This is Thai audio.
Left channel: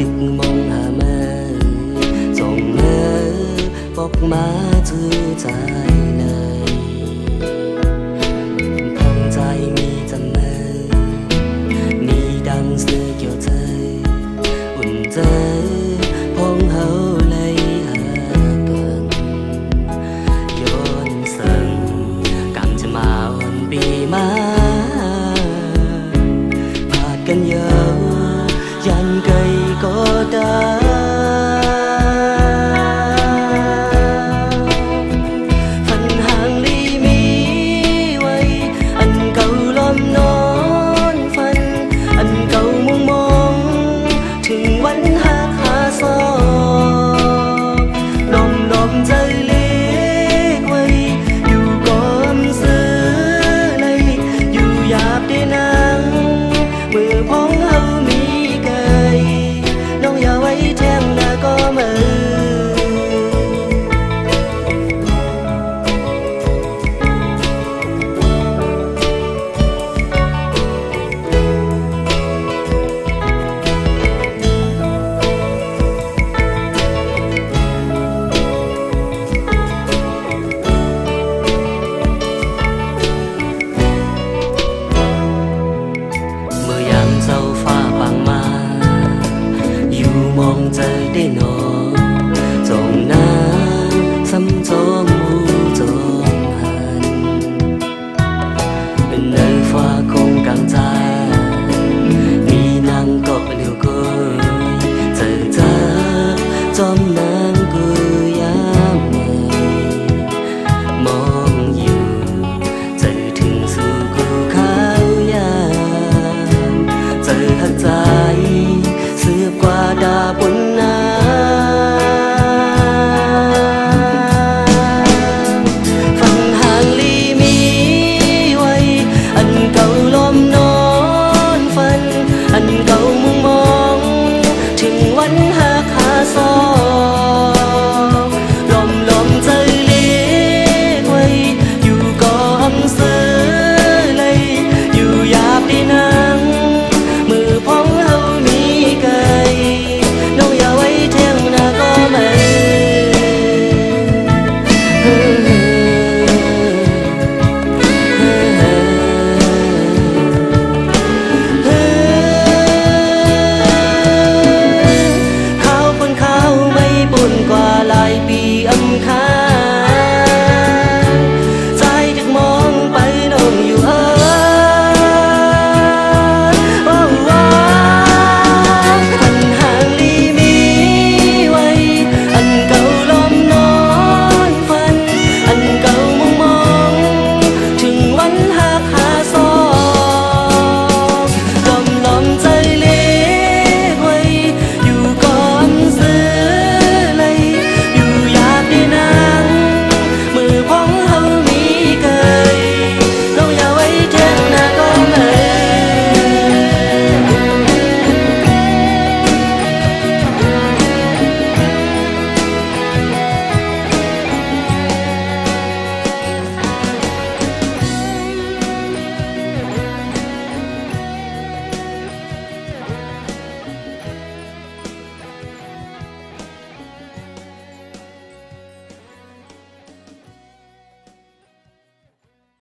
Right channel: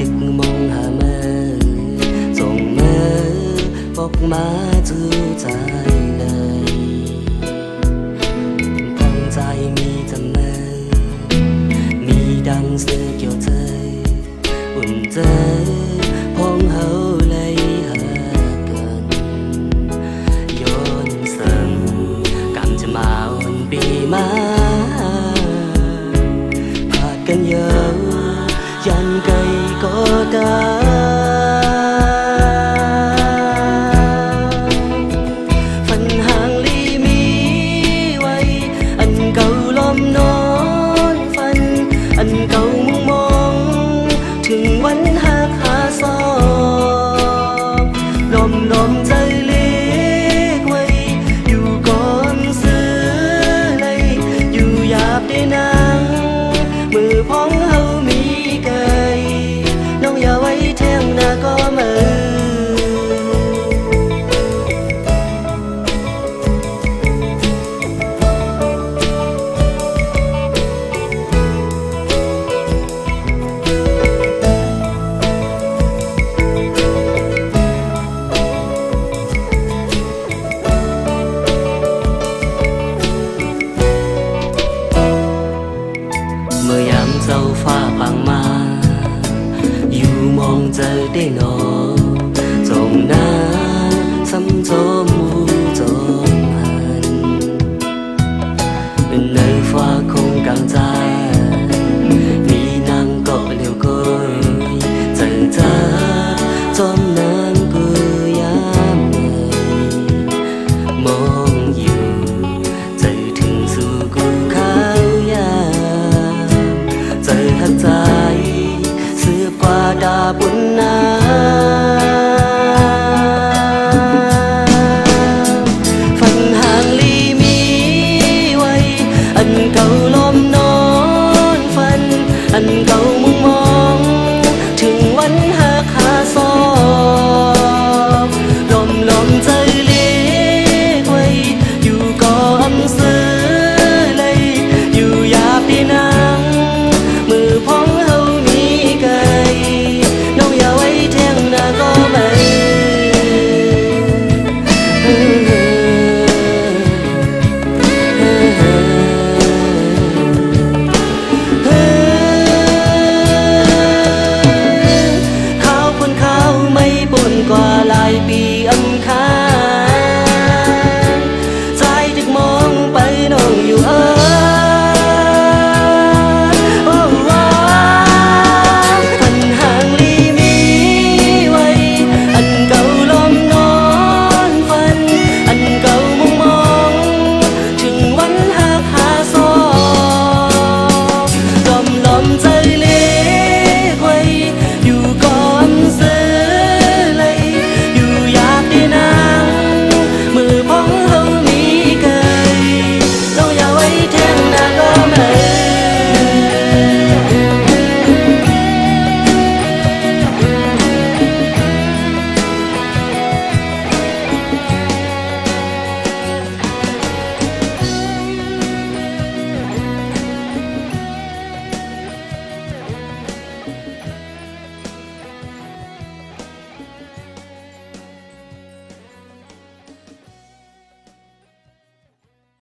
ดึกมองหาเมื่อส่งเมื่อบอกมาจื้อใจเลยพองใจมีจำเมื่อมีดังเสือเกี่ยวใจอุ่นใจพองเฮาเลยหาเกินย้อนเสิงกำจะมาอ่อนปีมาพาดกันเยอะยันไกลก็ได้ฝันห่างลีมีไว้อันเก่าล้อมนอนฝันอันเก่ามุ่งมองถึงวันหักหาซอบลมใจเล็กไว้อยู่ก่อนซื้อเลยอยู่หยาบได้นางมือพ้องเฮามีไกลน้องอย่าไว้แทงหน้าก็มือเมื่อยามเจ้าฟ้าปังมาอยู่มองใจได้หนอจงนางซ้ำจอมมูจอมหันในฟ้าคงกลางใจมีนางเกาะเลี้ยวก้อยเจอจับจอมนางกุยามในมองอยู่ใจถึงสู่กูขาวยามเจอหักใจสืบกว่าดาบนน้ำฝันห่างลีมีไว้อันเก่าล้อมนอนฝันอันเก่ามุ่งมองถึงวันหักหาซอบลมใจเล็กไว้อยู่ก่ออำซื้อเลยอยู่หยาบได้นางมือพ้องเฮามีไกลน้องอย่าไว้แทงหน้าก็ไม่ข้าวพ้นข้าวไม่ปุ่นกว่าหลายปีอำคาใจดึกมองไปน้องอยู่ถึงวันหักหาซอบลมใจเล็กไว้อยู่ก่อน